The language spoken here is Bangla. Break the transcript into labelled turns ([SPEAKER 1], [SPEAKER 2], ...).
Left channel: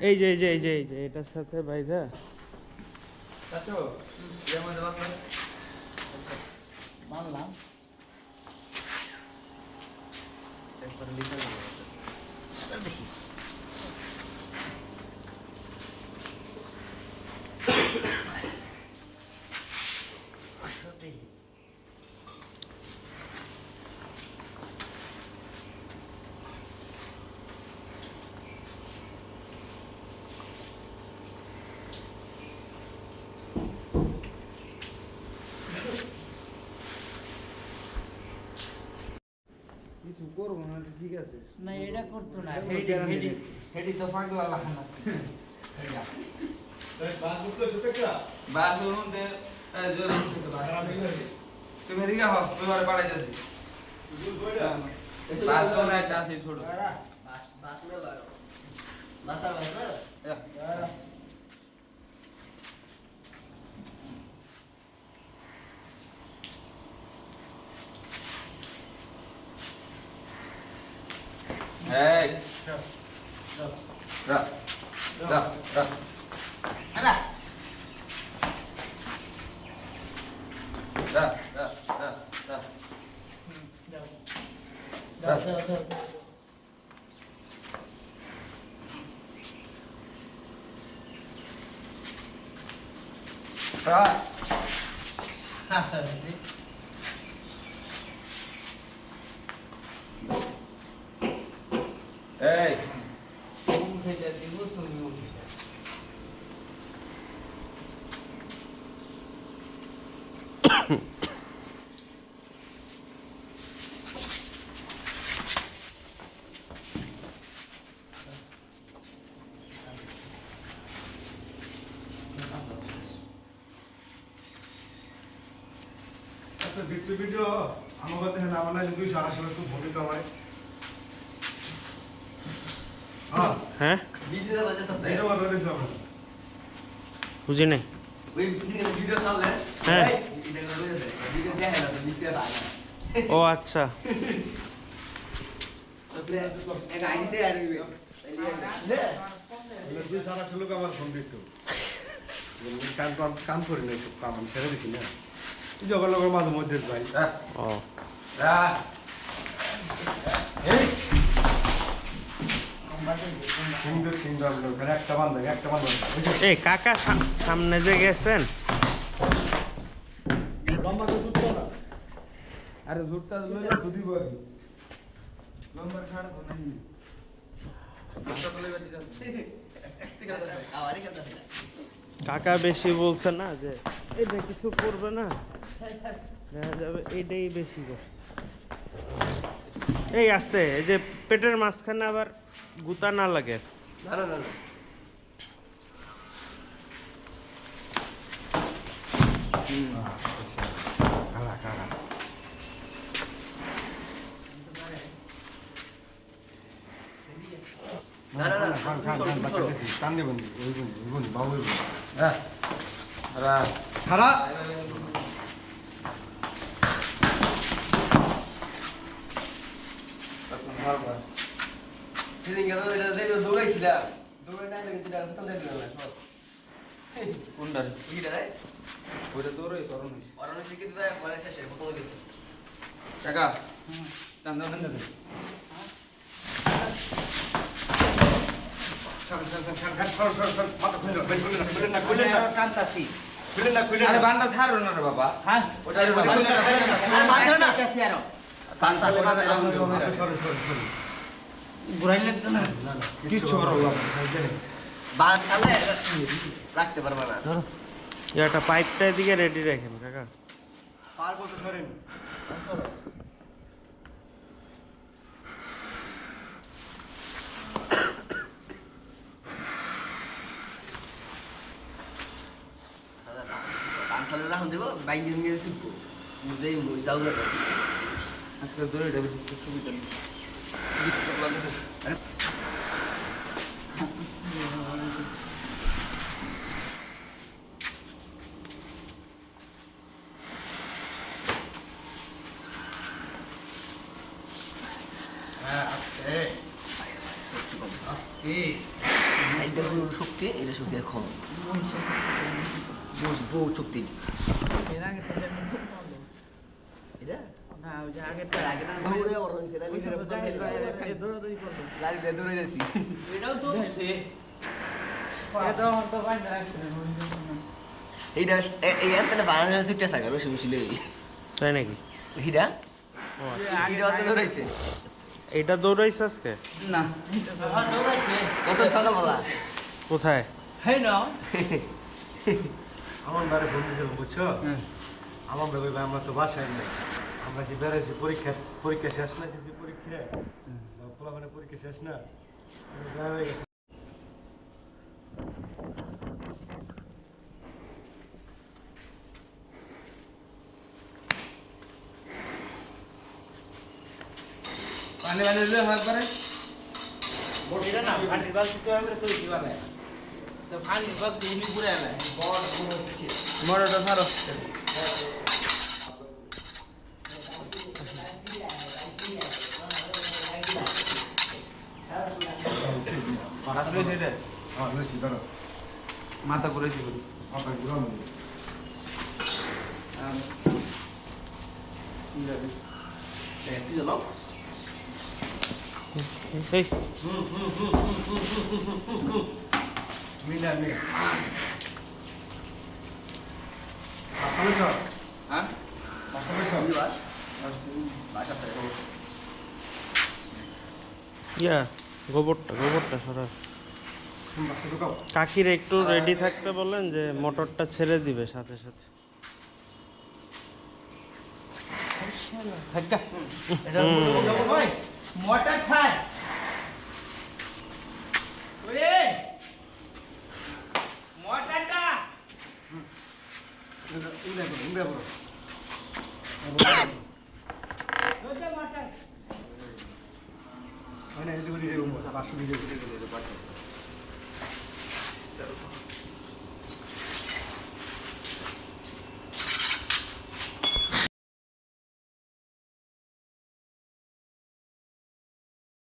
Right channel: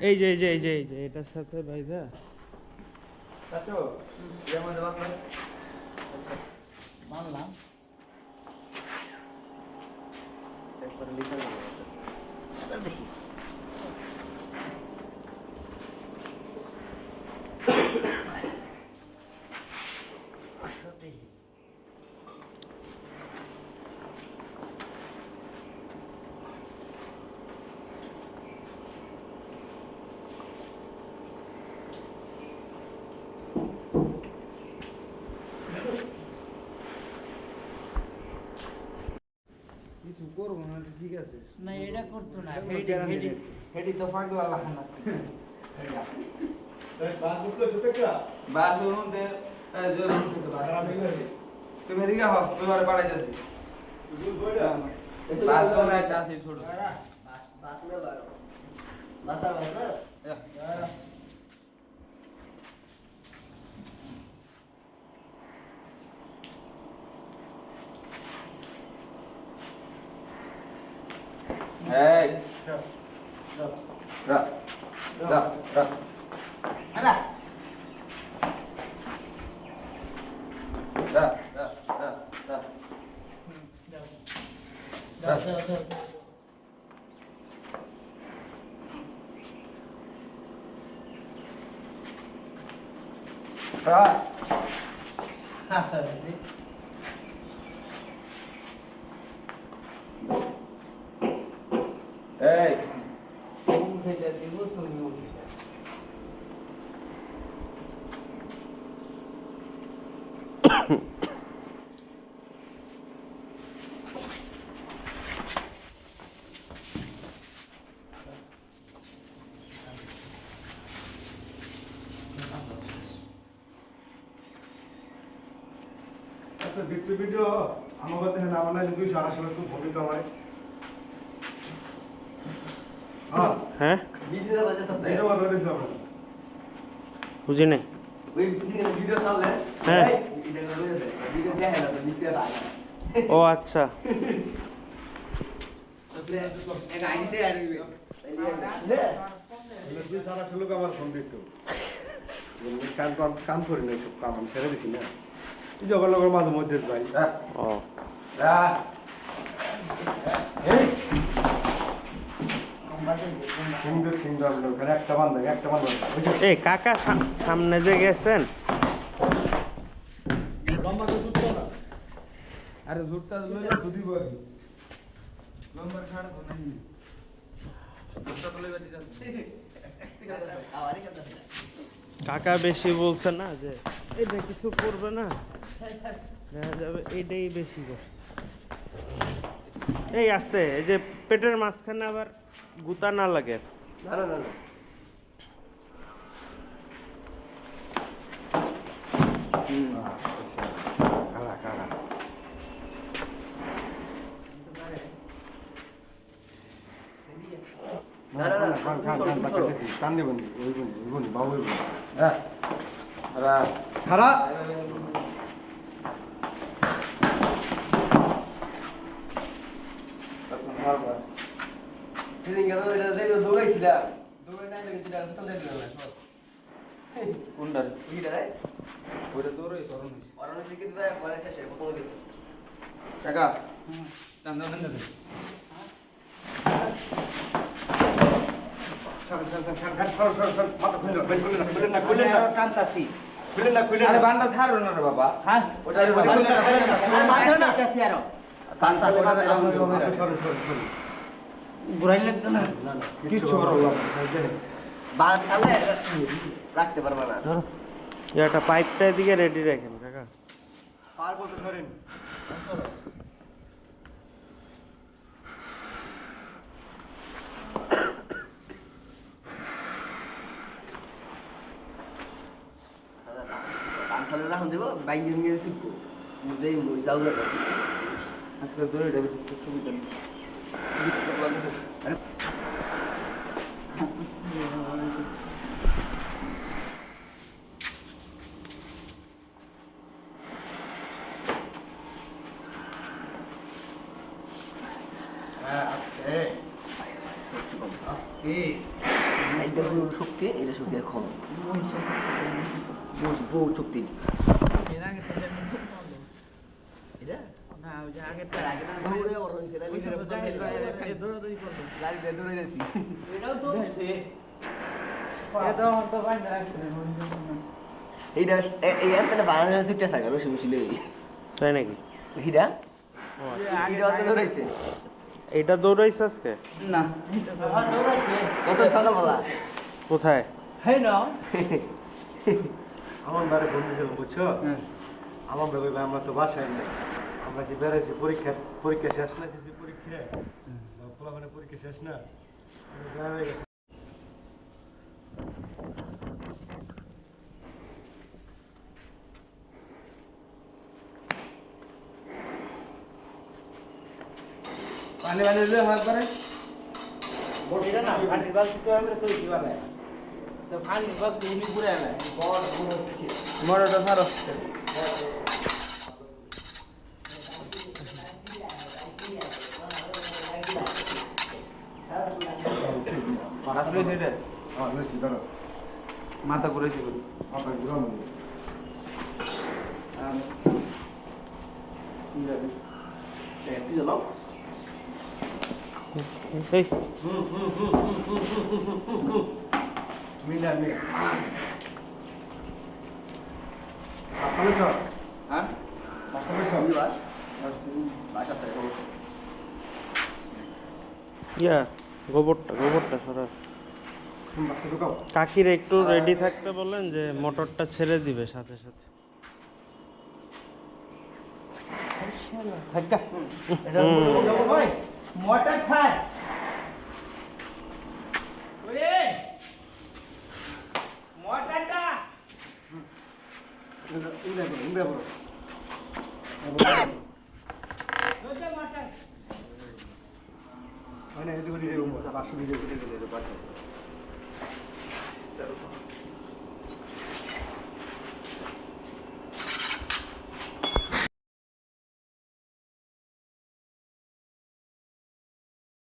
[SPEAKER 1] এই যে এই যে এই যে এটার সাথে বাইদা
[SPEAKER 2] চাচু এর মধ্যে বাংলা
[SPEAKER 3] মানলাম
[SPEAKER 2] একবারে লিখা যাবে
[SPEAKER 4] কিছু করব না ঠিক আছে।
[SPEAKER 3] না এটা করতো না হেডি হেডি হেডি তো পাগলা লাগান আছে
[SPEAKER 2] বাথরুম তুমি এদিকে হও তুমি বারে পাড়াই যাচ্ছি বাথরুম একটা আছে ছোট।
[SPEAKER 3] বাস বাস 哎，
[SPEAKER 2] 是，是，是，是，
[SPEAKER 3] 是。
[SPEAKER 2] 来来。来来
[SPEAKER 3] 来来，嗯，来
[SPEAKER 2] 来来
[SPEAKER 3] 来来来，来，哈哈，
[SPEAKER 4] একটা ভিডিও ভিডিও আমার কাছে না আমার না দুইশো আড়াইশো একটু ভূমিকা আমার হ্যাঁ?
[SPEAKER 1] হ্যাঁ?
[SPEAKER 4] কথা
[SPEAKER 1] বুঝি নাই হ্যাঁ।
[SPEAKER 3] এটা করে দে ভিডিও দেখে না তো নিচে রাখা
[SPEAKER 1] ও আচ্ছা
[SPEAKER 3] তাহলে এক আইনতে আর নে
[SPEAKER 4] দুইশো আড়াইশো লোক আমার ফোন দিত কাম করি না একটু কাম আমি ছেড়ে দিছি না এই জগর লগর মাঝে মধ্যে
[SPEAKER 1] ও।
[SPEAKER 2] রা
[SPEAKER 1] এই কাকা সামনে যে গেছেন।
[SPEAKER 2] আরে জুটটা লইলে দুদি বই নম্বর ছাড় তো নাই
[SPEAKER 1] কাকা বেশি বলছে না যে এটা কিছু করবে না দেখা যাবে এইটাই বেশি করছে। এই আস্তে এই যে পেটের মাঝখানে আবার গুতা না লাগে।
[SPEAKER 3] না না না না
[SPEAKER 4] কারা কারা
[SPEAKER 3] না না না
[SPEAKER 4] খান খান খান বাচ্চা দেখি কান দেবেন ওই বনি ওই বনি বাবু ওই বনি
[SPEAKER 2] রা রা
[SPEAKER 4] সারা
[SPEAKER 3] সেদিন গেল এটা দেখো দৌড়াইছিলাম দৌড়াই না কিন্তু এটা খতম সব
[SPEAKER 2] কোনটা
[SPEAKER 3] এইটা অরণ পরে শেষে প্রথম
[SPEAKER 2] কাকা বাবা।
[SPEAKER 3] হ্যাঁ?
[SPEAKER 2] ওটা
[SPEAKER 3] ঘুরাই লাগতো না?
[SPEAKER 4] না না
[SPEAKER 2] কিচ্ছু করো
[SPEAKER 3] চালে রাখতে পারবা না।
[SPEAKER 1] একটা পাইপটা দিকে রেডি রাখেন কাকা।
[SPEAKER 4] পার বলতে সরেন
[SPEAKER 3] পান রাখুন দেবো বাইক নিয়ে শিখব বুঝেই যাও না।
[SPEAKER 2] আজকে দেবে সুবিধা নেই
[SPEAKER 3] আরে
[SPEAKER 4] হ্যাঁ এই
[SPEAKER 3] সাইড এটা গরুর শক্তি এটা দৌড়ে তাহলে দিয়ে দৌড়ে যাচ্ছি এইটা এই অ্যাপটা বানানো হয়েছে
[SPEAKER 1] তাই নাকি
[SPEAKER 3] দৌড়াইছে
[SPEAKER 1] এইটা দৌড়াইছে আজকে
[SPEAKER 3] কত সকালবেলা
[SPEAKER 1] কোথায়
[SPEAKER 4] আমার বারে ফোন দিয়েছিলাম বুঝছ আমার ভাবে আমরা তো বাসায় নেই। আমরা যে বেড়াইছি পরীক্ষা পরীক্ষা শেষ না, যে পরীক্ষা পোলা মানে পরীক্ষা শেষ না
[SPEAKER 2] পানি পানি দিলে হয় করে ছাড়ো পাঠাচ্ছিল সেটা
[SPEAKER 4] হ্যাঁ বেশি ধরো
[SPEAKER 2] মাথা ঘুরেছি করি
[SPEAKER 4] আপনার গ্রাম
[SPEAKER 3] একটু জানো
[SPEAKER 1] এই।
[SPEAKER 4] মিনা মিনা
[SPEAKER 2] হ্যাঁ?
[SPEAKER 1] ইয়া গোবরটা গোবরটা সরা কাকির একটু রেডি থাকতে বলেন যে মোটরটা ছেড়ে দিবে সাথে সাথে।
[SPEAKER 2] মোটর ছাড়।
[SPEAKER 4] মানে হ্যাঁ, এটুকু দিয়ে বাসু দিয়ে